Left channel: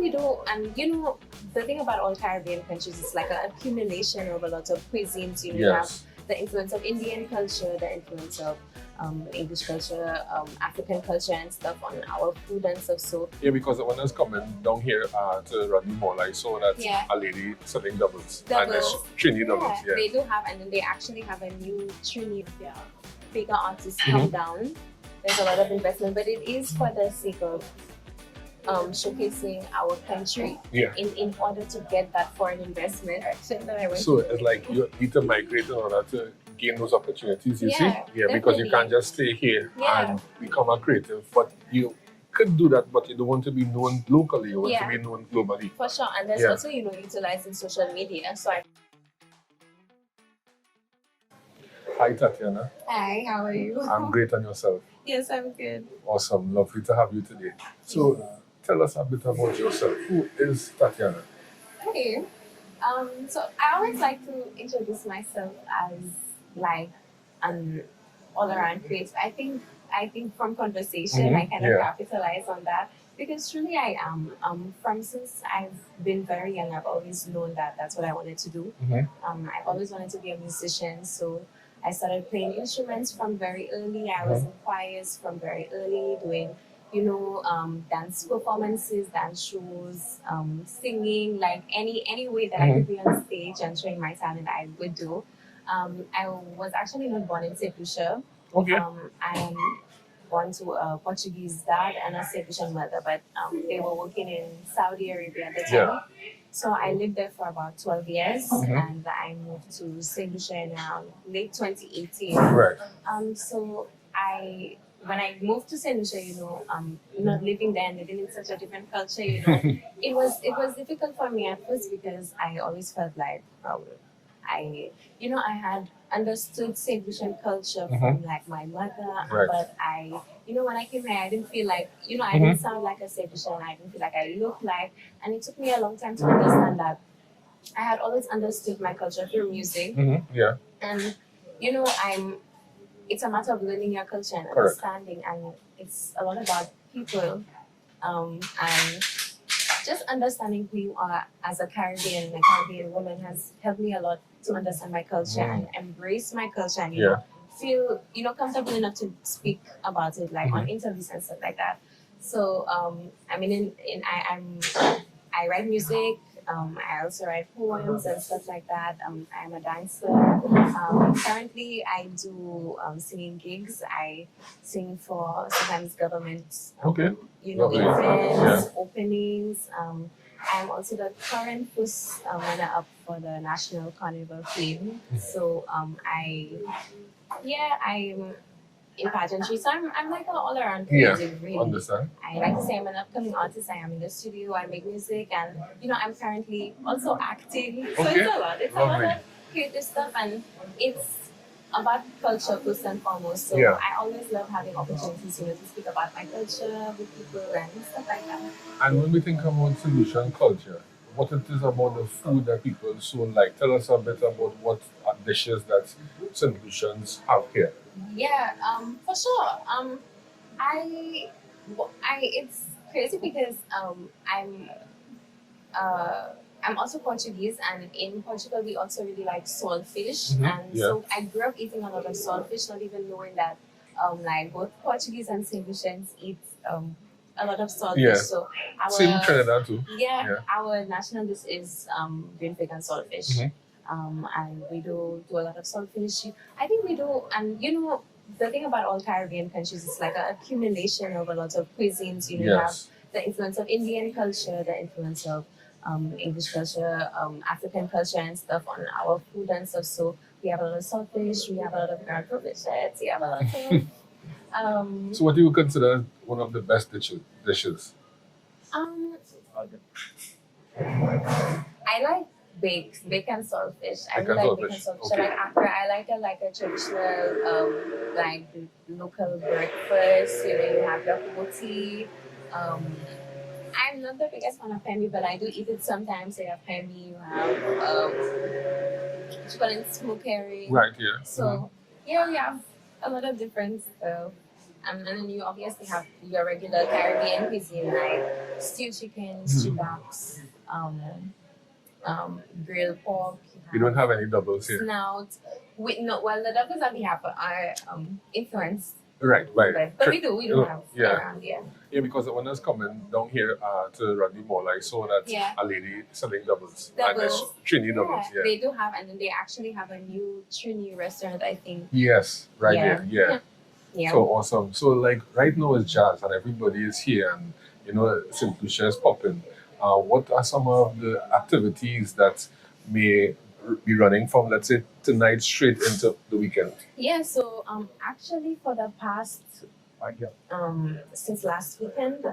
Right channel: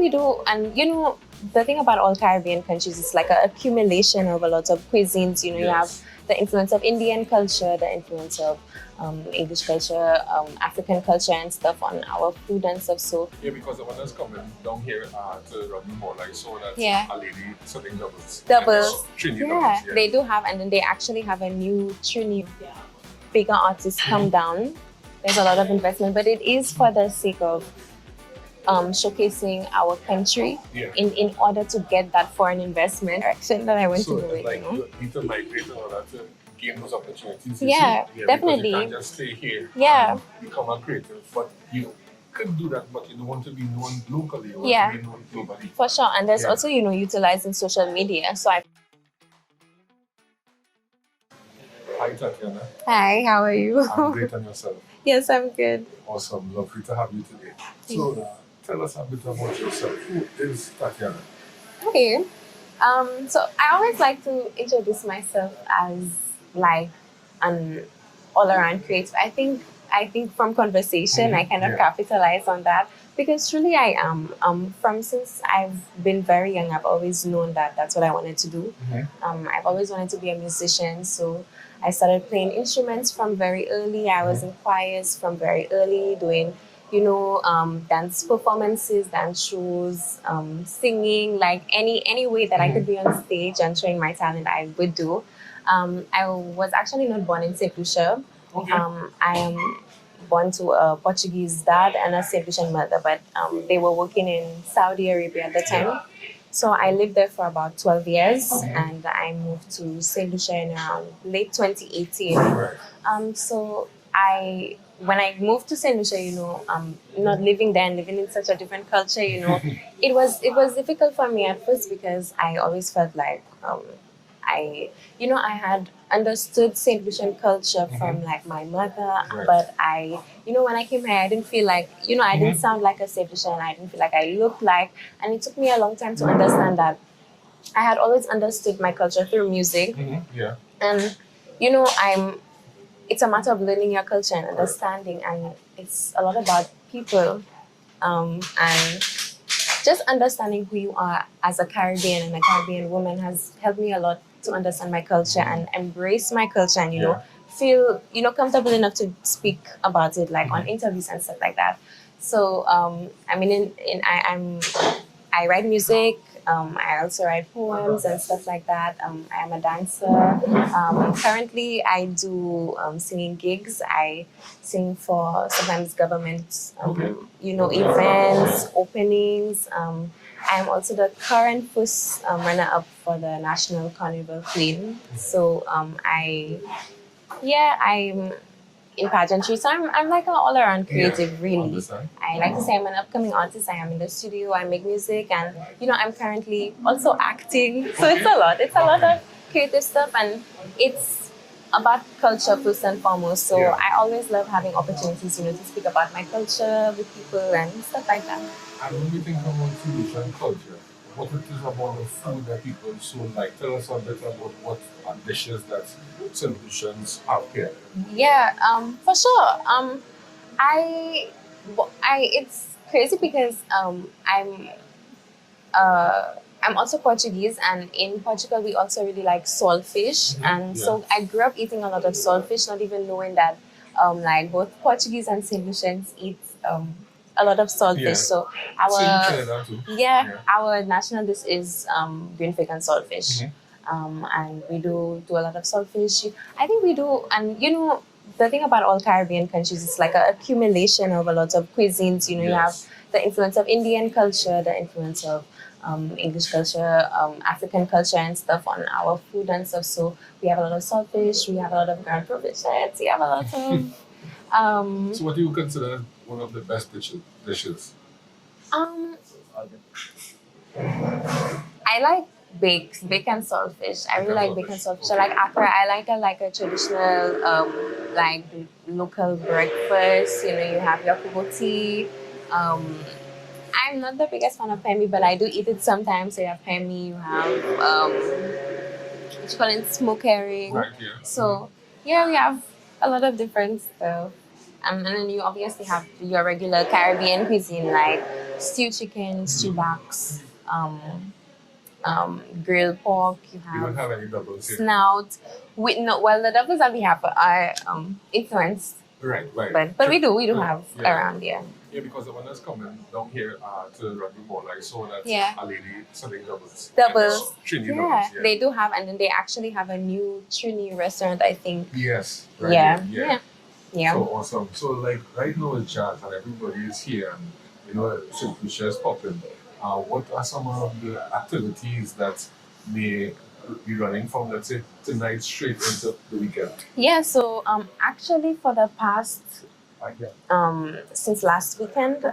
we do, and you know, the thing about all Caribbean countries is like an accumulation of a lot of cuisines. You know, you have the influence of Indian culture, the influence of English culture, African culture and stuff on our food and stuff. So yeah, because when I was coming down here to run the mall, I saw that a lady selling doubles. Trini doubles. Yeah, they do have, and then they actually have a new Trini bigger artist come down. There's a lot of investment, but it is for the sake of showcasing our country in order to get that foreign investment. That I went so to it's like you need to migrate in order to gain those opportunities. Yeah, definitely. Because you can't just stay here and become a creative. But you could do that, but you don't want to be known locally. You want to be known globally. For sure. And there's also, you know, utilizing social media. So Hi, Tatiana. Hi, how are you? I'm great, on yourself? Yes, I'm good. Awesome. Lovely to have you today. So, tell us a bit about yourself. Who is Tatiana? Okay. So I always like to introduce myself as like an all-around creative. I think from conversation I kind of capitalize on that, because truly I am. From since I've been very young, I've always known that that's what I wanted to do. I've always wanted to be a musician, so I started playing instruments from very early. I was in choirs from very early, doing, you know, dance performances, dance shows, singing, like any way that I could be on stage and showing my talent, I would do. I was actually not born in Saint Lucia. I am born to a Portuguese dad and a Saint Lucian mother, but they were working in Saudi Arabia at the time. So I lived there for about 12 years, and I moved to Saint Lucia in around late 2018. So when I moved to Saint Lucia, you know, not living there and living in such a different culture, you know, it was difficult for me at first, because I always felt like I had understood Saint Lucian culture from like my mother, but you know, when I came here, I didn't feel like, you know, I didn't sound like a Saint Lucian, I didn't feel like I looked like, and it took me a long time to understand that I had always understood my culture through music. And you know, it's a matter of learning your culture and understanding, and it's a lot about people, and just understanding who you are as a Caribbean and a Caribbean woman has helped me a lot to understand my culture and embrace my culture, and you know, feel, you know, comfortable enough to speak about it, like on interviews and stuff like that. So I mean, I write music. I also write poems and stuff like that. I'm a dancer. Currently, I do singing gigs. I sing for sometimes government, you know, events, openings. I'm also the current first runner-up for the National Carnival Queen. So I'm in pageantry, so I'm like an all-around creative, really. I like to say I'm an upcoming artist. I am in the studio, I make music, and you know, I'm currently also acting. So it's a lot. It's a lot of creative stuff, and it's about culture first and foremost. So I always love having opportunities, you know, to speak about my culture with people and stuff like that. And when we think about Saint Lucian culture, what it is about the food that people so like? Tell us a bit about what dishes that Saint Lucians have here. Yeah, for sure. It's crazy because I'm also Portuguese, and in Portugal we also really like saltfish, and so I grew up eating a lot of saltfish, not even knowing that like both Portuguese and Saint Lucians eat a lot of saltfish. So our national dish is green fig and saltfish. And we do a lot of saltfish. I think we do, and you know, the thing about all Caribbean countries is like an accumulation of a lot of cuisines. You know, you have the influence of Indian culture, the influence of English culture, African culture and stuff on our food and stuff. So we have a lot of saltfish, we have a lot of ground fish, we have a lot of so what do you consider one of the best dishes? I like bacon saltfish. I really like bacon saltfish. So like Accra, I like a traditional like local breakfast. You know, you have your tea. I'm not the biggest fan of pembe, but I do eat it sometimes. So you have pembe, you have what you call it, smoke herring. So we have a lot of different stuff. And then you obviously have your regular Caribbean cuisine like stewed chicken, stew backs, grilled pork. You don't have any doubles here. Snout. Well, the doubles that we have are influenced. Right. But we do have around here. Yeah, because the owners coming down here to Rugby Mall, I saw that a lady selling doubles. Doubles. Trini doubles. Yeah, they do have, and then they actually have a new Trini restaurant, I think. Yes, right. Yeah. So awesome. So like right now it's jazz and everybody is here and you know Saint Lucia is popping. What are some of the activities that may be running from, let's say, tonight straight into the weekend? Yeah, so actually for the past since last weekend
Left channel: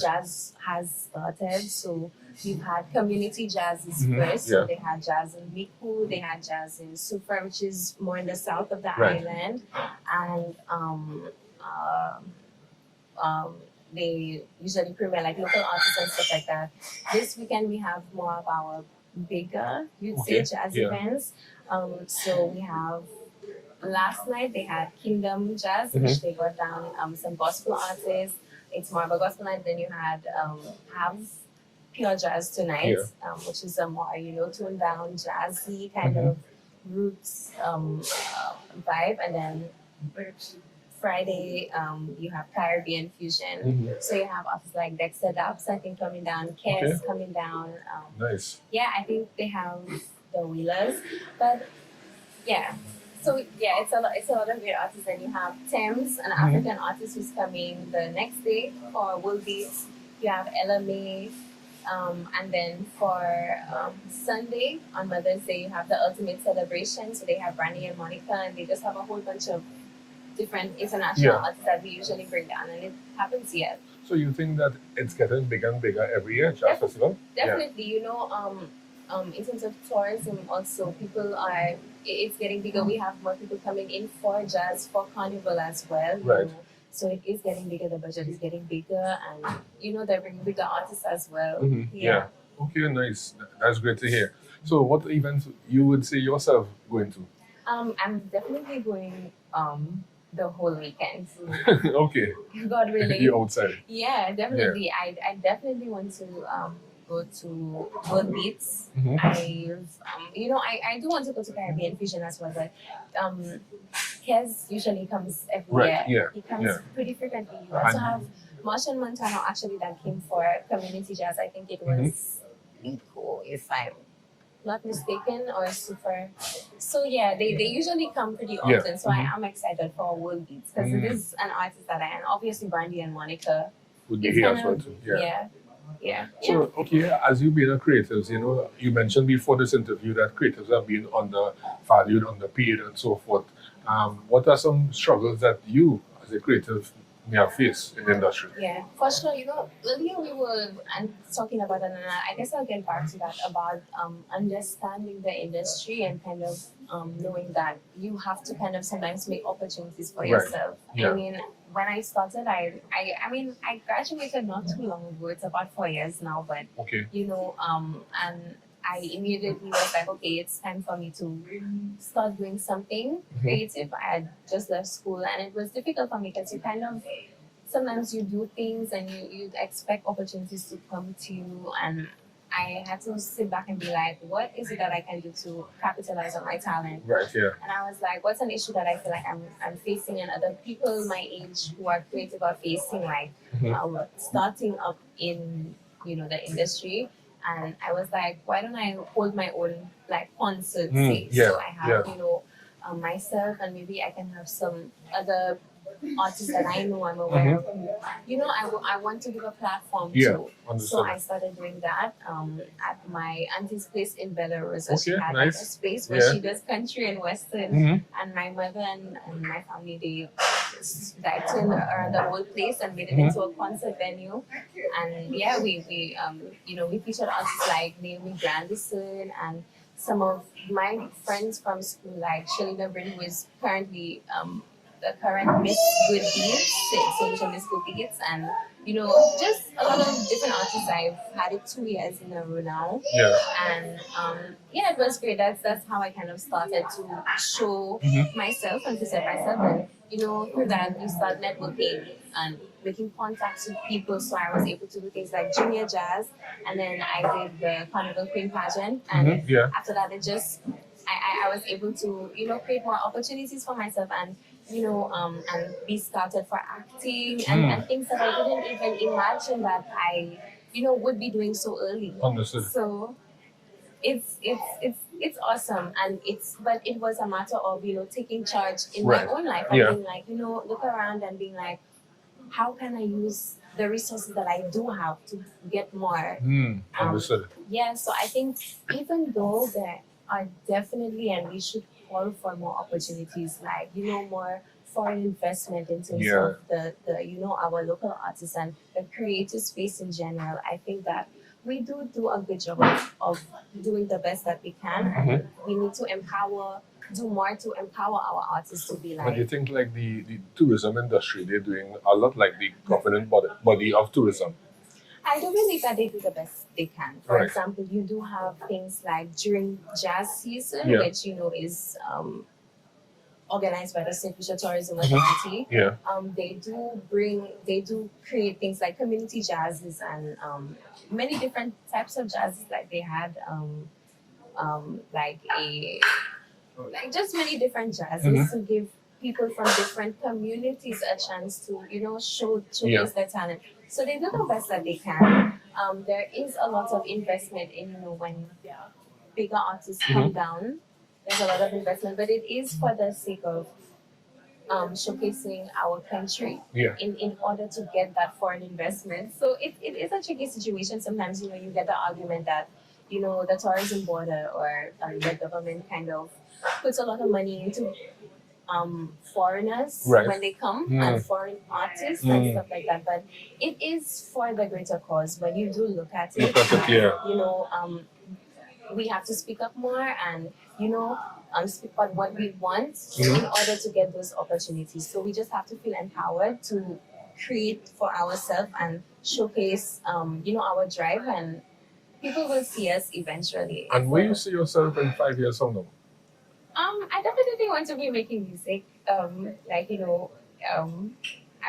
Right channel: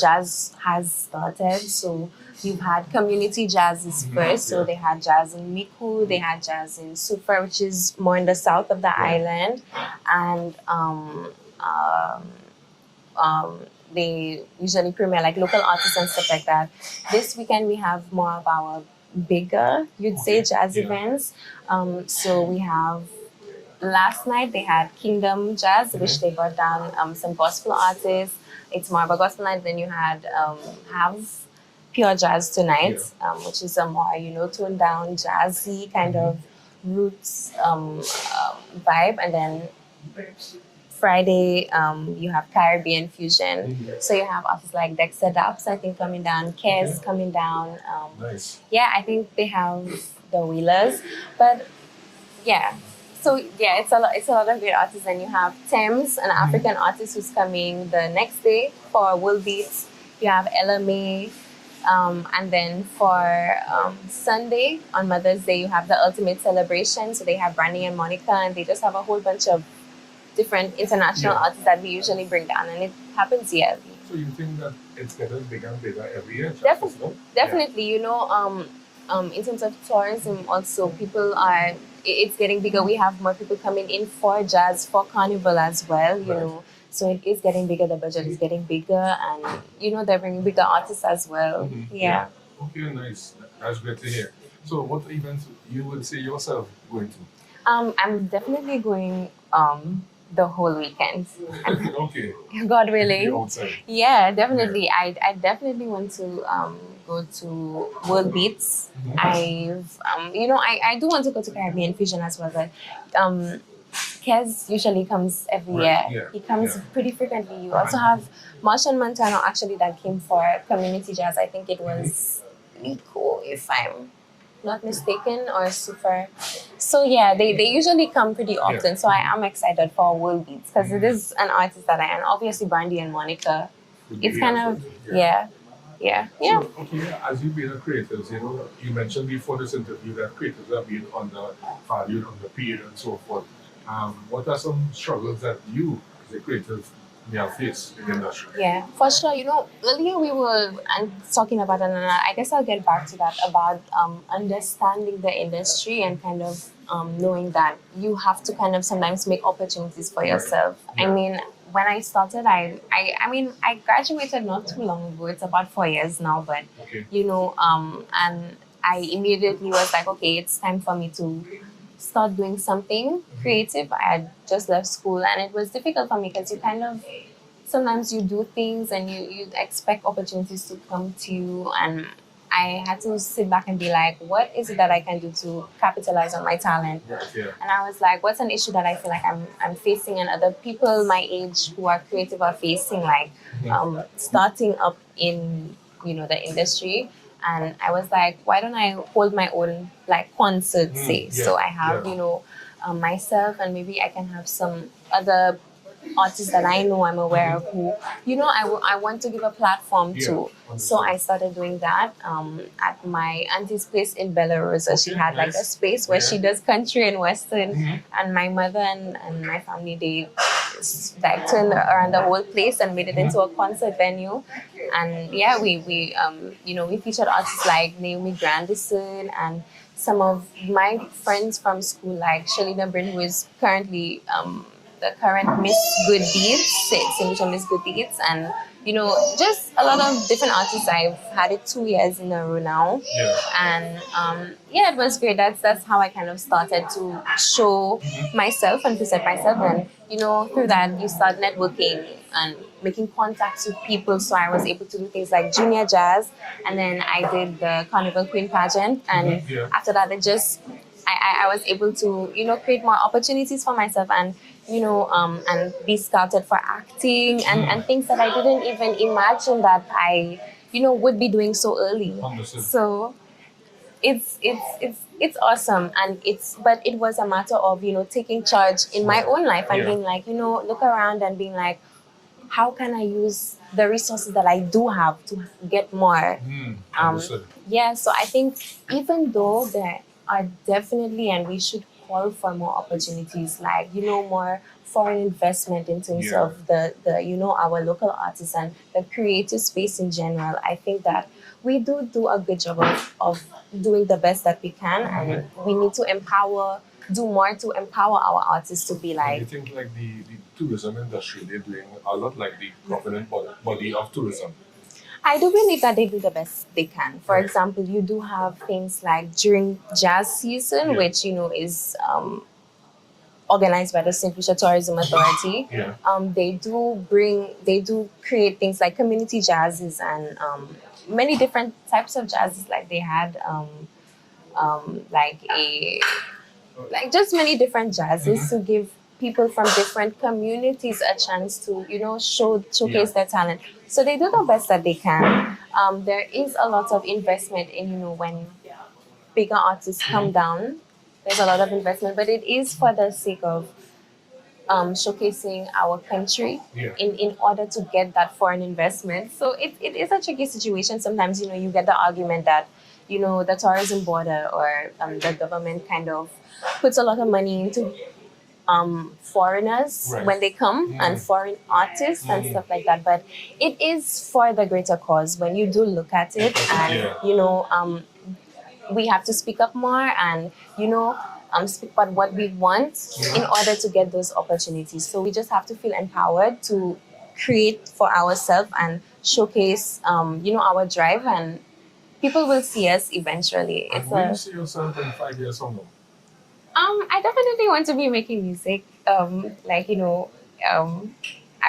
jazz has started. So you've had community jazzes first. So they had jazz in Miku, they had jazz in Sufa, which is more in the south of the island, and they usually premiere like local artists and stuff like that. This weekend we have more of our bigger, you'd say, jazz events. So we have last night they had Kingdom Jazz, which they brought down some gospel artists. It's more of a gospel night. Then you had have Pure Jazz tonight, which is a more toned down jazzy kind of roots vibe, and then Friday, you have Caribbean fusion. So you have artists like Dexter Daps, I think, coming down, Kes coming down. Nice. Yeah, I think they have the Wheelers, but it's a lot of great artists. And you have Thames, an African artist who's coming the next day for Wool Beats. You have Ella May. And then for Sunday, on Mother's Day, you have the Ultimate Celebration. So they have Brandy and Monica, and they just have a whole bunch of different international artists that we usually bring down, and it happens yearly. So you think that it's getting bigger and bigger every year? Definitely. In terms of tourism, also it's getting bigger. We have more people coming in for jazz, for carnival as well. You know, so it is getting bigger. The budget is getting bigger, and they're bringing bigger artists as well. Yeah. Okay, nice. That's great to hear. So, what events you would say yourself going to? I'm definitely going the whole weekend. Okay. God willing. Be outside. Yeah, definitely. Yeah. I definitely want to go to World Beats. I've I do want to go to Caribbean Fusion as well, but Kez usually comes every year. Yeah. He comes pretty frequently. You also have Martian Montano actually that came for community jazz. I think it was Nico, if I'm not mistaken, or Super. So yeah, they usually come pretty often. So I am excited for World Beats because it is an artist that I am. Obviously Brandy and Monica. It's kind of yeah. So okay, as you being a creative, you mentioned before this interview that creatives are being undervalued, underpaid, and so forth. What are some struggles that you, as a creative, may have faced in the industry? Yeah, for sure. Earlier we were talking about, and I guess I'll get back to that, about understanding the industry and kind of knowing that you have to kind of sometimes make opportunities for yourself. Yeah. I mean, when I started, I graduated not too long ago. It's about 4 years now, but and I immediately was like, okay, it's time for me to start doing something creative. I had just left school, and it was difficult for me because you kind of sometimes you do things and you expect opportunities to come to you, and I had to sit back and be like, what is it that I can do to capitalize on my talent? Right, yeah. And I was like, what's an issue that I feel like I'm facing and other people my age who are creative are facing, like starting up in the industry. And I was like, why don't I hold my own concert, say? So I have myself, and maybe I can have some other artists that I know, I'm aware of, who I want to give a platform to. So I started doing that at my auntie's place in Belarus. She had a space where she does country and western, and my mother and my family, they turned around the whole place and made it into a concert venue. And we featured artists like Naomi Grandison and some of my friends from school, like Shalina Bryn, who is currently the current Miss Good Deeds, Saint Lucia Miss Good Deeds, and just a lot of different artists. I've had it 2 years in a row now, and it was great. That's how I kind of started to show myself and present myself, and through that you start networking and making contacts with people. So I was able to do things like junior jazz, and then I did the Carnival Queen Pageant, and after that, I was able to create more opportunities for myself, and and be scouted for acting and things that I didn't even imagine that I would be doing so early. Understood. So it's awesome, and but it was a matter of taking charge in my own life and being like look around and being like, how can I use the resources that I do have to get more. Understood. So I think even though there are definitely, and we should call for more opportunities, like more foreign investment in terms of the our local artists and the creative space in general. I think that we do a good job of doing the best that we can, and we need to do more to empower our artists to be And like. you think like the tourism industry, they're doing a lot like the governing body of tourism. I do believe that they do the best they can. For Right. example, you do have things like during jazz season, which is organized by the Saint Lucia Tourism Authority. They do create things like community jazzes and many different types of jazzes. Like they had like just many different jazzes to give people from different communities a chance to showcase their talent. So they do the best that they can. There is a lot of investment in when bigger artists come down. There's a lot of investment, but it is for the sake of showcasing our country in order to get that foreign investment. So it is a tricky situation. Sometimes you get the argument that the tourism board or the government kind of puts a lot of money into foreigners when they come and foreign artists and stuff like that. But it is for the greater cause when you do look at it, and we have to speak up more and speak about what we want in order to get those opportunities. So we just have to feel empowered to create for ourselves and showcase our drive, and people will see us eventually. And where do you see yourself in 5 years from now? I definitely want to be making music. I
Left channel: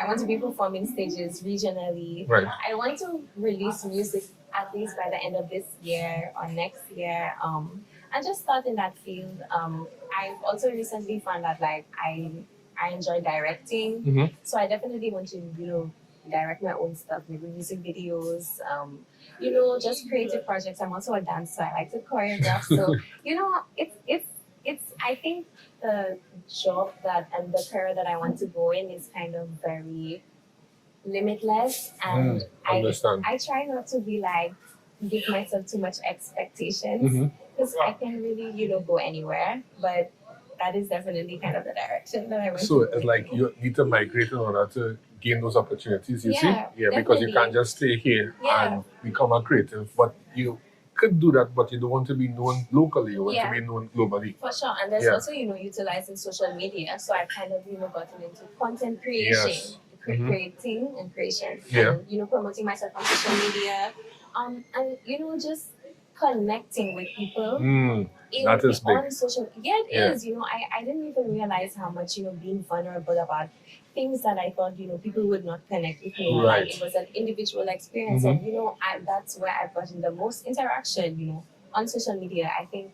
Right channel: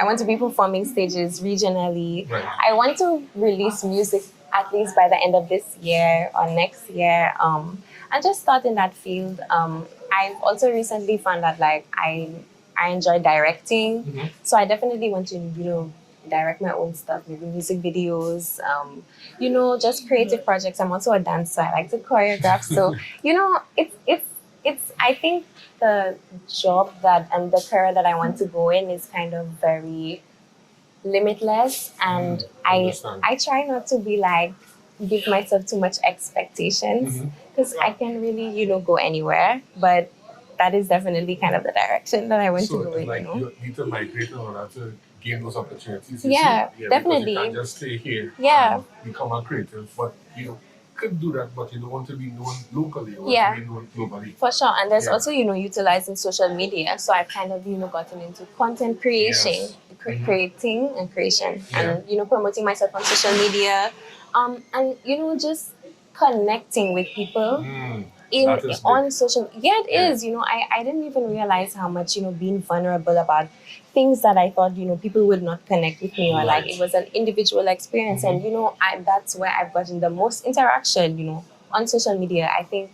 want to be performing stages regionally. Right. I want to release music at least by the end of this year or next year. And just start in that field. I've also recently found that I enjoy directing, so I definitely want to direct my own stuff, maybe music videos, just creative projects. I'm also a dancer. I like to choreograph. So it's I think the job and the career that I want to go in is kind of very limitless, and I try not to be give myself too much expectations, because I can really go anywhere, but that is definitely kind of the direction that I want to go in. So you need to migrate in order to gain those opportunities, definitely. Because you can't just stay here and become a creative, but you could do that, but you don't want to be known locally, you want to be known globally. For sure. And there's also, utilizing social media. So I've kind of, gotten into content creation, creating and creation, and, promoting myself on social media, and, just connecting with people on social. It is, I didn't even realize how much, being vulnerable about things that I thought, people would not connect with me, or it was an individual experience. And, that's where I've gotten the most interaction, on social media. I think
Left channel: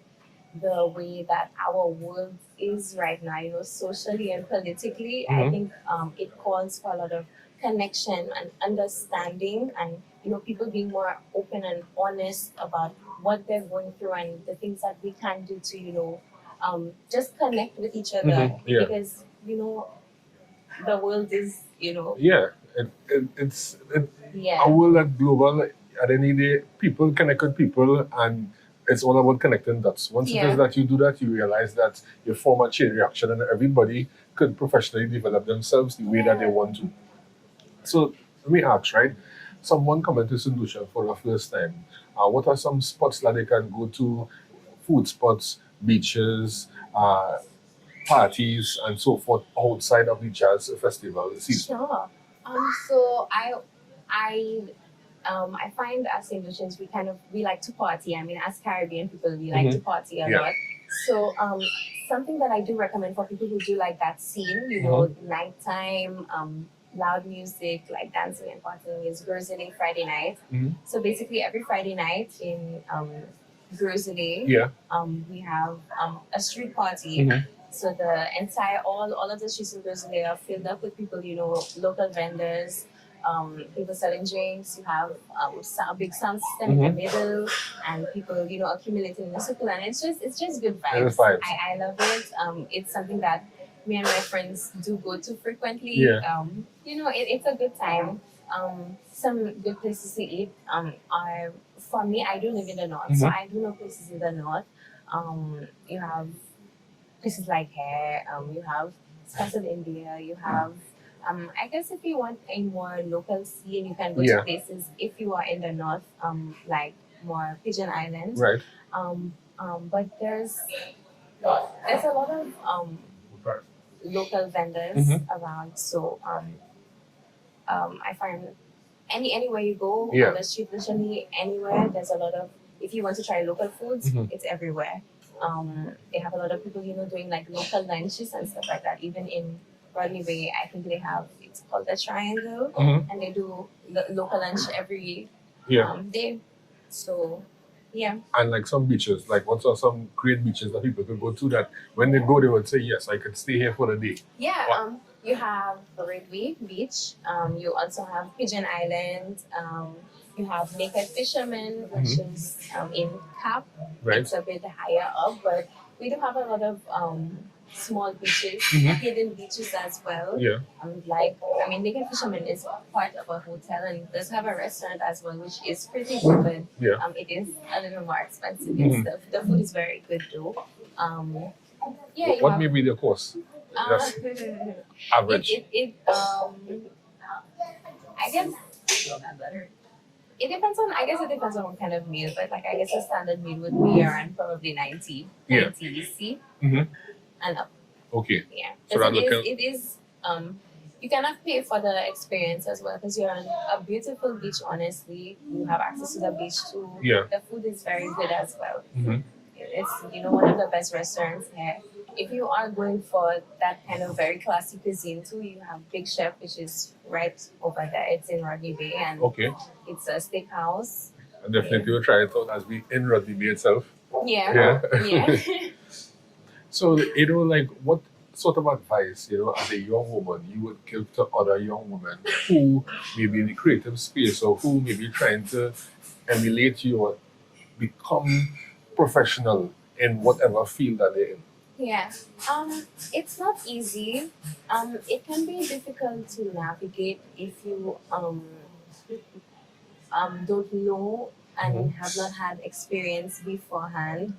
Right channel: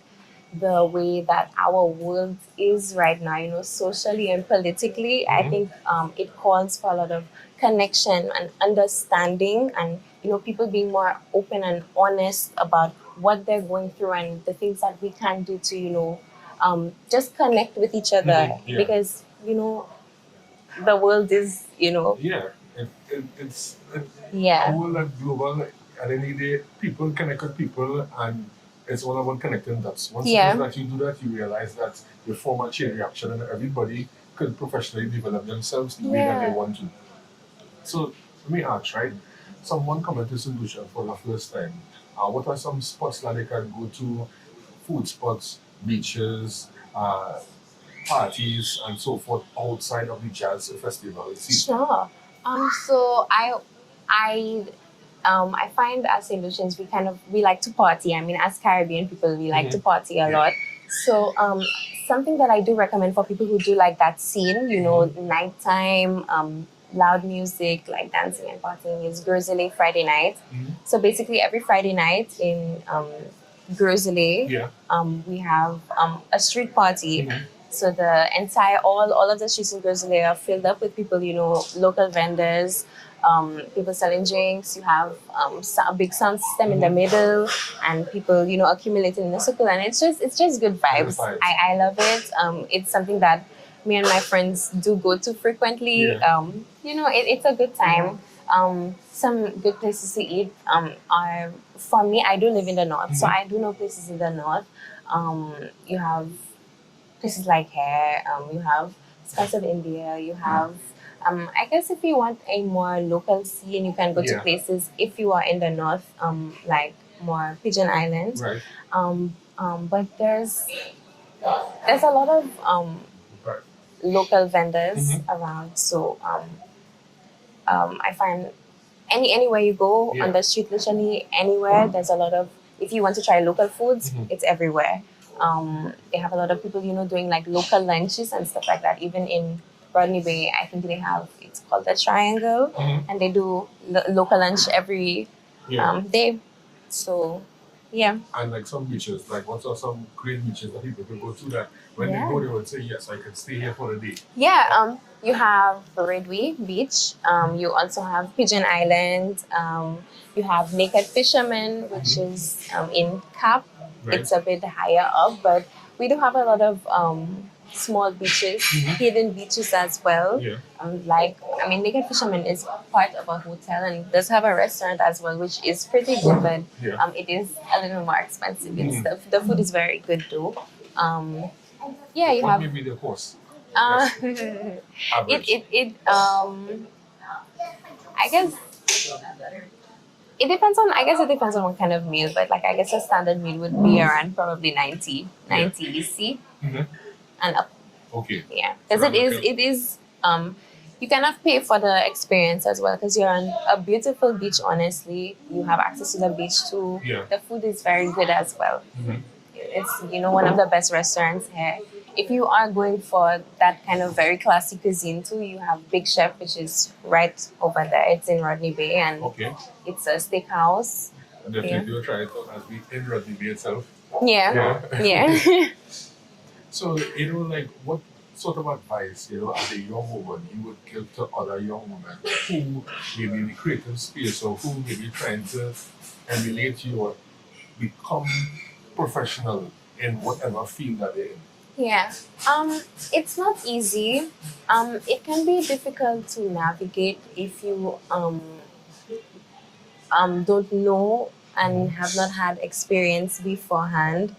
the way that our world is right now, socially and politically, I think it calls for a lot of connection and understanding, and, people being more open and honest about what they're going through and the things that we can do to, just connect with each other. Because, the world is, it's a world that's global. At the end of the day, people connect with people, and it's all about connecting dots. Once it is that you do that, you realize that you form a chain reaction, and everybody could professionally develop themselves the way that they want to. So let me ask, right? Someone coming to Saint Lucia for the first time, what are some spots that they can go to? Food spots, beaches, parties, and so forth outside of the jazz festival season. Sure. So I find as Saint Lucians we like to party. I mean, as Caribbean people, we like to party a lot. So something that I do recommend for people who do like that scene, nighttime, loud music, like dancing and partying, is Guruzele Friday night. So basically, every Friday night in Guruzele, we have a street party. So the entire all of the streets in Guruzele are filled up with people, local vendors, people selling drinks. You have a big sound system in the middle, and people, accumulating in a circle, and it's just good vibes. I love it. It's something that me and my friends do go to frequently. It's a good time. Some good places to eat are, for me, I do live in the north, so I do know places in the north. You have places like here, you have Spice of India, you have, I guess if you want a more local scene, you can go to places, if you are in the north, like more Pigeon Island. Right. But there's a lot of local vendors around, so I find anywhere you go on the street, literally anywhere, there's a lot of, if you want to try local foods, it's everywhere. They have a lot of people, doing like local lunches and stuff like that. Even in Rodney Bay, I think they have, it's called the Triangle, and they do local lunch every day. So, yeah. And like some beaches, like what are some great beaches that people could go to that when they go, they would say, yes, I could stay here for the day? Yeah, you have Redway Beach. You also have Pigeon Island. You have Naked Fisherman, which is in Cap. Right. It's a bit higher up, but we do have a lot of small beaches, hidden beaches as well. Yeah. Naked Fisherman is part of a hotel and it does have a restaurant as well, which is pretty good, but it is a little more expensive and stuff. The food is very good though. What may be the cost? Average. I guess it depends on what kind of meal, but like I guess a standard meal would be around probably 90 EC and up. Okay. Yeah, because it is you kind of pay for the experience as well, because you're on a beautiful beach. Honestly, you have access to the beach too. Yeah. The food is very good as well. It's one of the best restaurants here. If you are going for that kind of very classy cuisine too, you have Big Chef, which is right over there. It's in Rodney Bay, and it's a steakhouse. And definitely will try it out as we in Rodney Bay itself. Yeah. So, like what sort of advice, as a young woman, you would give to other young women who may be in the creative space or who may be trying to emulate you or become professional in whatever field that they're in? Yeah. It's not easy. It can be difficult to navigate if you don't know and have not had experience beforehand.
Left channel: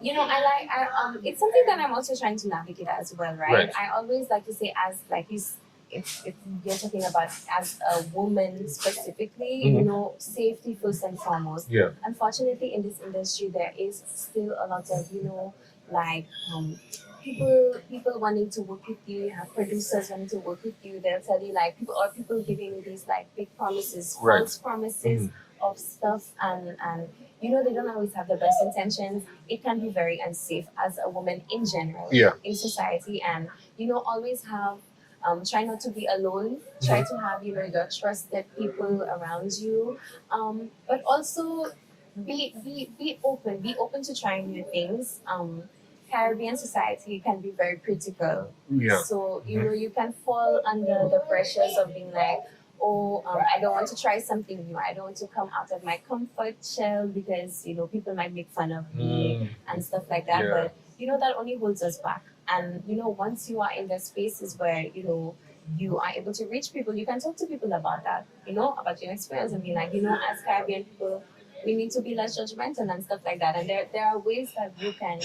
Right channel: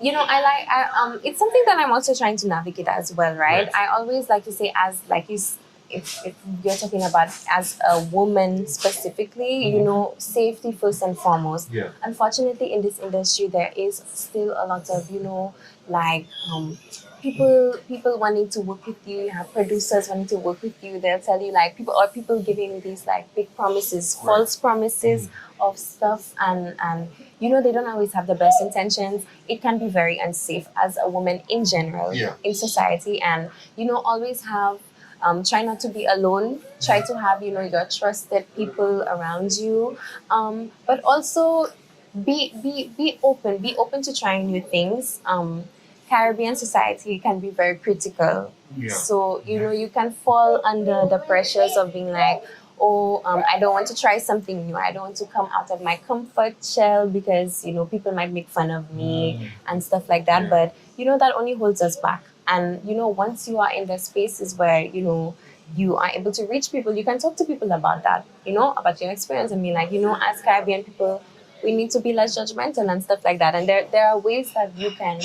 It's something that I'm also trying to navigate as well, right? I always like to say, as like you, if you're talking about as a woman specifically, safety first and foremost. Yeah. Unfortunately, in this industry, there is still a lot of people wanting to work with you. You have producers wanting to work with you. They'll tell you like people giving these like big promises, false promises of stuff, and they don't always have the best intentions. It can be very unsafe as a woman in general in society, and always have. Try not to be alone. Try to have, your trusted people around you. But also be open. Be open to trying new things. Caribbean society can be very critical. Yeah. So, you can fall under the pressures of being like, I don't want to try something new. I don't want to come out of my comfort shell because, people might make fun of me and stuff like that. Yeah. But, that only holds us back. And, once you are in the spaces where, you are able to reach people, you can talk to people about that, about your experience. I mean, like, as Caribbean people, we need to be less judgmental and stuff like that. And there are ways that you can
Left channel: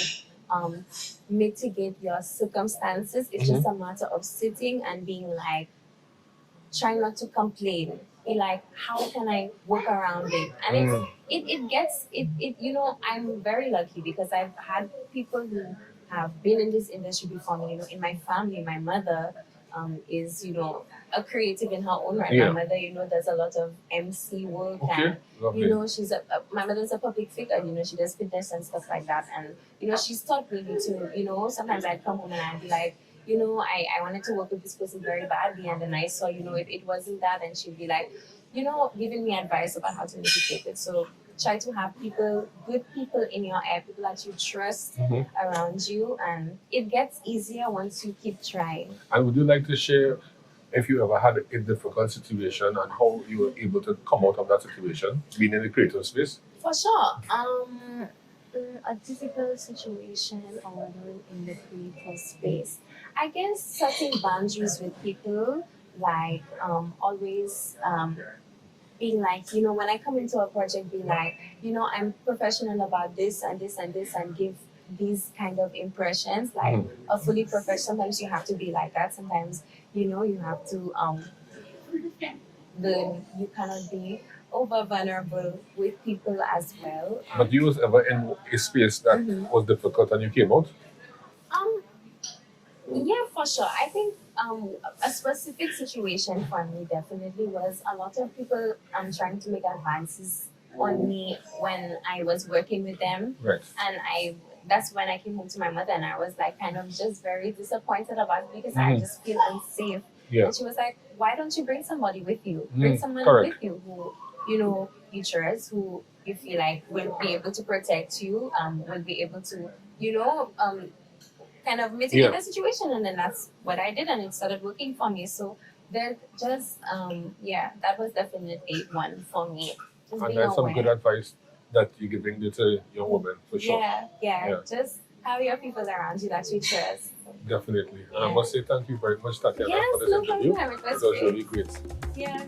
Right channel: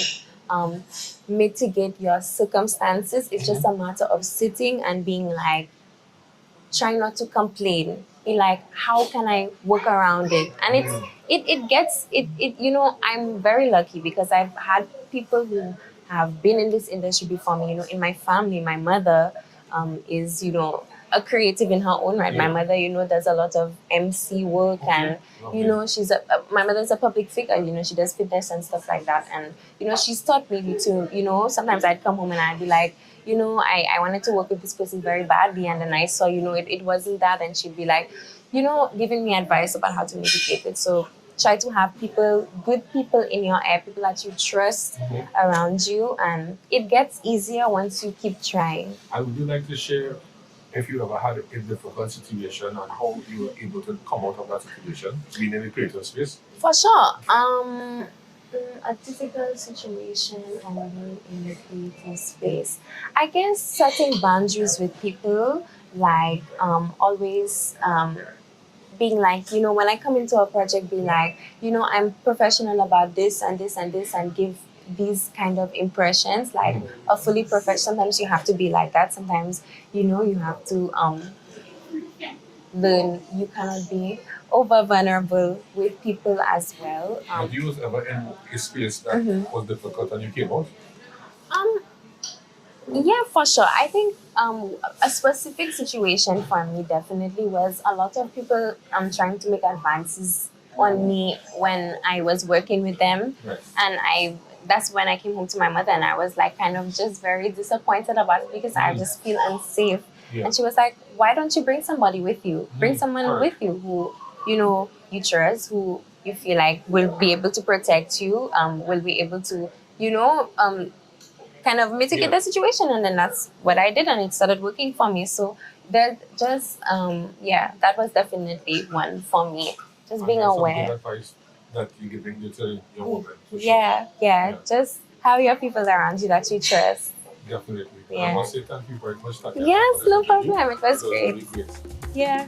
mitigate your circumstances. It's just a matter of sitting and being like, try not to complain. Be like, how can I work around it? And I'm very lucky because I've had people who have been in this industry before me. In my family, my mother is, a creative in her own right. My mother, does a lot of MC work, and she's my mother's a public figure. She does fitness and stuff like that, and she's taught me to. Sometimes I'd come home and I'd be like, I wanted to work with this person very badly, and then I saw, it wasn't that, and she'd be like, giving me advice about how to mitigate it. So try to have good people in your ear, people that you trust around you, and it gets easier once you keep trying. And would you like to share if you ever had a difficult situation and how you were able to come out of that situation, being in the creative space? For sure. A difficult situation or in the creative space. I guess setting boundaries with people, like always being like, when I come into a project, be like, I'm professional about this and this and this, and give these kind of impressions, like a fully professional. Sometimes you have to be like that. Sometimes, you have to learn. You cannot be over vulnerable with people as well. But you was ever in a space that was difficult and you came out? Um, yeah, for sure. I think a specific situation for me definitely was a lot of people trying to make advances on me when I was working with them, Right. and that's when I came home to my mother, and I was like kind of just very disappointed about it because I just feel unsafe. Yeah. And she was like, "Why don't you bring somebody with you? Bring someone correct. with you who you trust, who you feel like will be able to protect you, will be able to kind of mitigate the situation." And then that's what I did, and it started working for me. So that just that was definitely one for me. Just being Some good aware. advice that you're giving to your woman, for sure. Yeah. Just have your people around you that you trust. Definitely. Yeah. I must say thank you very much, Tatiana. Yes, for this no interview. problem. It was It was really great. great. Yeah.